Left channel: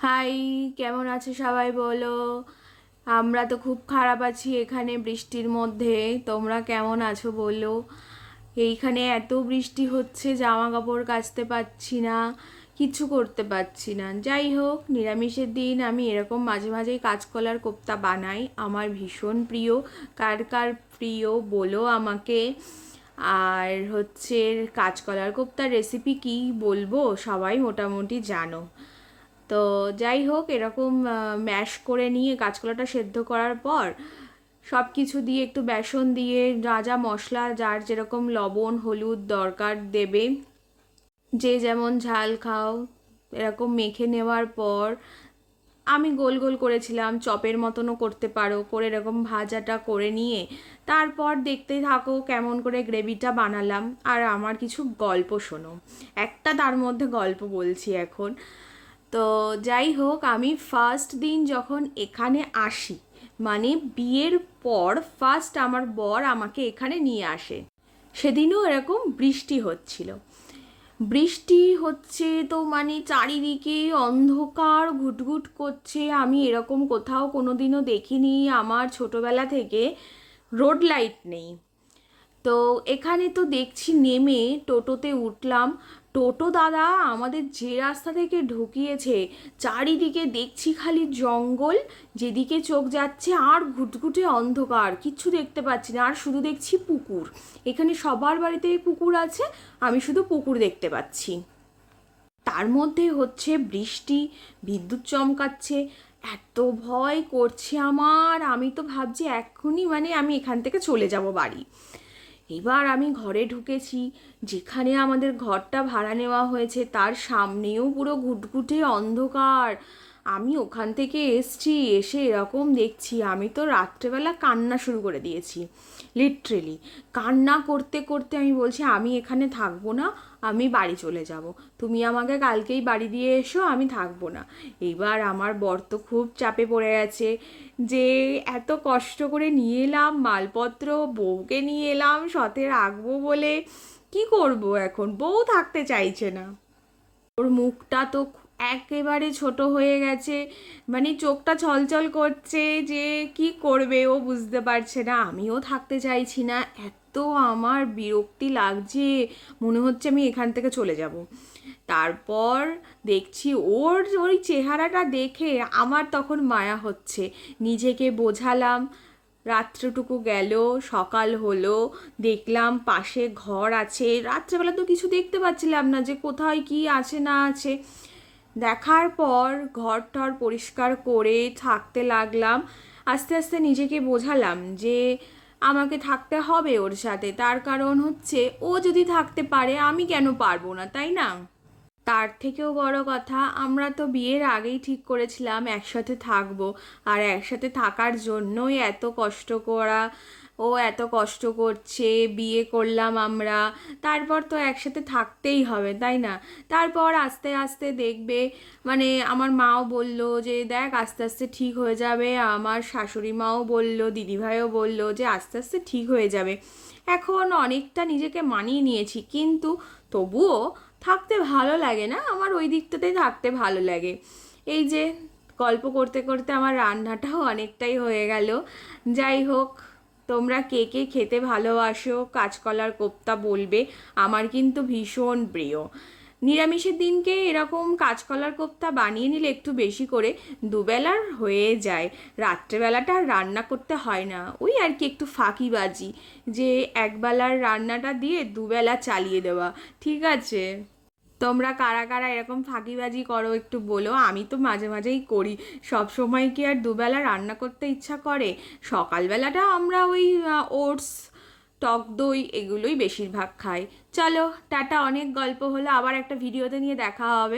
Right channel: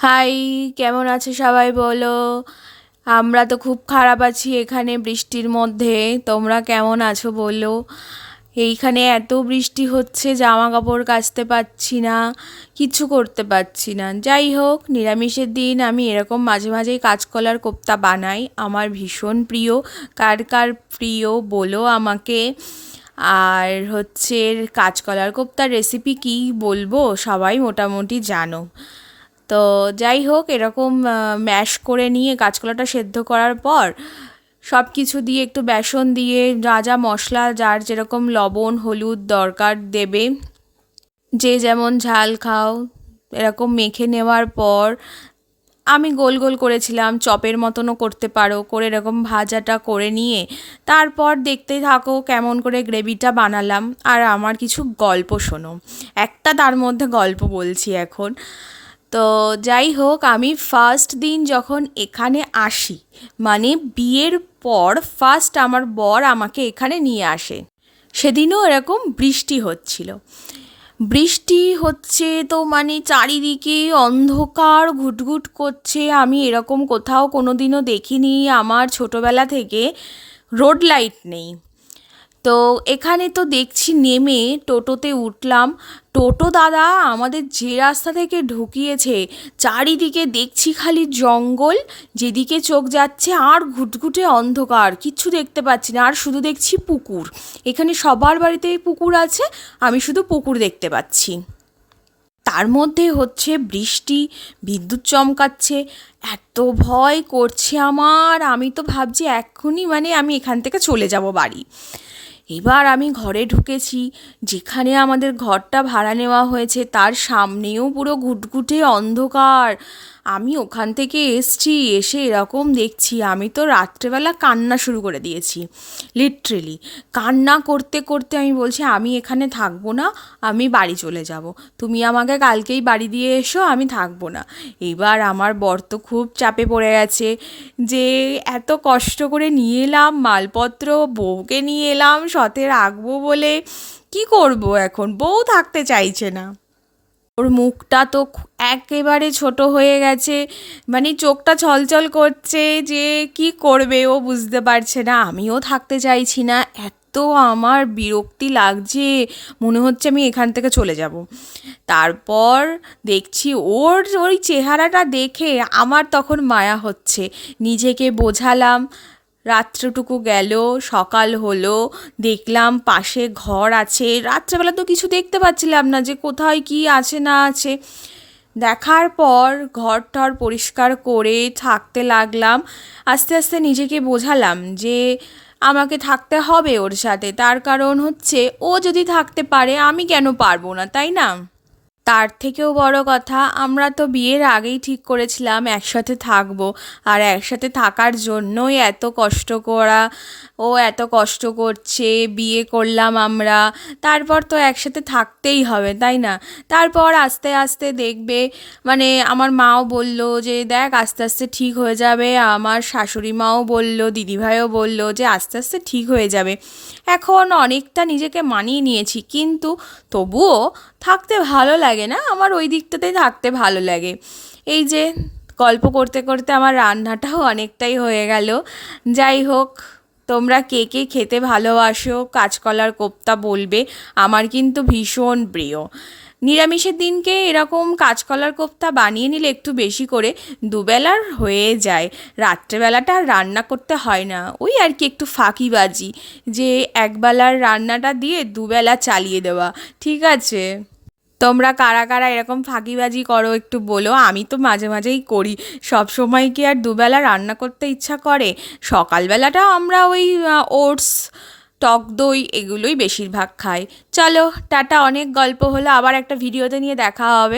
High, কেমন আছে সবাই বলো। আমরা তো খুব খারাপ আছি এখানে বৃষ্টির মধ্যে। তোমরা কেমন আছো বলো। এইখানে এত বৃষ্টি হচ্ছে, জামা কাপড় কাচতে পারছি না, কিছু করতে পারছি না। যাই হোক, নিরামিষের দিন আমি এরকম মাঝে মাঝেই কাঁচকলার কোপ্তা বানাই, আমার ভীষণ প্রিয়। কার কার প্রিয় বলো আমাকে। আর হচ্ছে, কাঁচকলার কোপ্তার রেসিপি কি বলবো, সবাই মোটামুটি জানো। তো যাই হোক, এরকম ম্যাশ করে নিয়ে কাঁচকলাটা সেদ্ধ করার পর সব কিছু দিয়ে একটু বেসন দিয়ে যা যা মশলা, যার যেরকম লবণ হলুদ দরকার দেবে, যে যেমন ঝাল খাও, এরকম মেখে নেওয়ার পর আমি গোল গোল করেছিলাম, চপের মতনও করতে পারো, করে এরকম ভাজাটা করে নিয়ে তারপর দেখতে থাকো কেমন করে গ্রেভিটা বানালাম। আর আমার কিছু গল্প শোনো, একটা তার মধ্যে গল্প বলছি এখন। তো যাই হোক, আমি ফার্স্ট দিন যখন এখানে আসি, মানে বিয়ের পর ফার্স্ট আমার বর আমাকে এখানে নিয়ে আসে, সেদিনও এরকম বৃষ্টি হচ্ছিল। বৃষ্টি হচ্ছে তো মানে চারিদিকে অন্ধকার ঘুটঘুট করছে, আমি এরকম কোথাও কোনো দিনও দেখিনি। আমার ছোটোবেলা থেকে রোড লাইট নেই। তো এখানে তো দেখছি, নেমে টোটোতে উঠলাম। টোটো দাদা আমাদের যে রাস্তা থেকে ঢুকিয়েছে, চারিদিকে দেখছি খালি জঙ্গল, যেদিকে চোখ যাচ্ছে আর ঘুটঘুটে অন্ধকার, কিচ্ছু দেখতে পাচ্ছি না। আর শুধু দেখছি পুকুর, এখানে সবার বাড়িতেই পুকুর আছে, আমি শুধু পুকুর দেখতে পাচ্ছি। তার মধ্যে হচ্ছে বৃষ্টি, বিদ্যুৎ চমকাচ্ছে, এত ভয় করছে আমার। আমি তো ভাবছি এক্ষুনি মানে আমি এখান থেকে চলে যাব বাড়ি। এবার আমি ঘরে ঢুকেছি, যেখানে আমাদের ঘরটা ভাড়া নেওয়া হয়েছে তার সামনেও পুরো ঘুটঘুটে অন্ধকার। আমি ওখান থেকে এসছি, এসে এরকম দেখছি, আমি তো রাত্রেবেলা কান্না শুরু করে দিয়েছি। লিটারেলি কান্না করতে করতে আমি বলছি আমি এখানে থাকবো না, আমি বাড়ি চলে যাব। তুমি আমাকে কালকেই বাড়ি দিয়ে এসো, আমি থাকবো না। এবার আমার বর তো খুব চাপে পড়ে গেছে, যে এত কষ্ট করে নিয়ে এলাম মালপত্র, বউকে নিয়ে এলাম সাথে রাখবো বলে, কি করব এখন, বউ থাকতে চাইছে না। ওর মুখটা তো একেবারে ছোট হয়ে গেছে, মানে চোখটা ছলছল করছে, যে কি করবে ও বুঝতে পারছে না। আমিও থাকতে চাইছি না, এত আমার বিরক্তি লাগছে, মনে হচ্ছে আমি এখান থেকে চলে যাব। তারপর দেখছি ওর ওই চেহারাটা দেখে আমার তখন মায়া হচ্ছে। নিজেকে বোঝালাম, রাত্রটুকু গেল, সকাল হলো, দেখলাম পাশে ঘর আছে। রাত্রেবেলা তো কিছু দেখতে পাচ্ছিলাম না যে কোথায় কি আছে না আছে। দেখার পর ঘর টর পরিষ্কার করে থাকতে লাগলাম। আস্তে আস্তে নিজেকে বোঝালাম যে আমাকে থাকতে হবে ওর সাথে, তার কারণ হচ্ছে ও যদি থাকতে পারে আমি কেন পারবো না, তাই না? তার থেকেও বড় কথা, আমরা তো বিয়ের আগেই ঠিক করেছিলাম একসাথে থাকবো, আর একসাথে থাকার জন্যই এত কষ্ট করা। ও এত কষ্ট করছে, বিয়ে করলাম আমরা, তারপর তো একসাথে থাকতেই হবে, তাই না? তারপর আস্তে আস্তে দেখবে, মানে আমার মাও বলল যে দেখ আস্তে আস্তে ঠিক হয়ে যাবে, আমার শাশুড়ি মাও বলল, দিদিভাইও বলল যে আস্তে আস্তে ঠিক হয়ে যাবে। এখন অনেকটা নিজেকে মানিয়ে নিয়েছি, কিন্তু তবুও থাকতে ভালো লাগে না আমার, ওই দিকটাতেই থাকতে ভালো লাগে। এই যে গল্প করতে করতে আমার রান্নাটাও অনেকটাই হয়ে গেল। যাই হোক, তোমরা কে কে খেতে ভালোবাসো কাঁচকলার কোপ্তা বলবে, আমার কিন্তু ভীষণ প্রিয়। নিরামিষের দিনকে এরকম কাঁচকলার কোপ্তা বানিয়ে নিলে একটু বেশি করে, দুবেলার হয়ে যায়। রাত্রেবেলাটা আর রান্না করতে হয় না, ওই আর কি একটু ফাঁকিবাজি, যে একবেলার রান্নাটা দিয়ে দুবেলা চালিয়ে দেওয়া। ঠিক আছে, তোমরা কারা কারা এরকম ফাঁকিবাজি করো একটু বলো, আমি তো মাঝে মাঝেই করি। সব সময় কি আর দুবেলা রান্না করতে ইচ্ছা করে? সকালবেলাটা আমরা ওই ওটস, টক দই এগুলোই বেশিরভাগ খাই। চলো টাটা, অনেক গল্প হলো, আবার একটা ভিডিওতে নিয়ে দেখা হবে।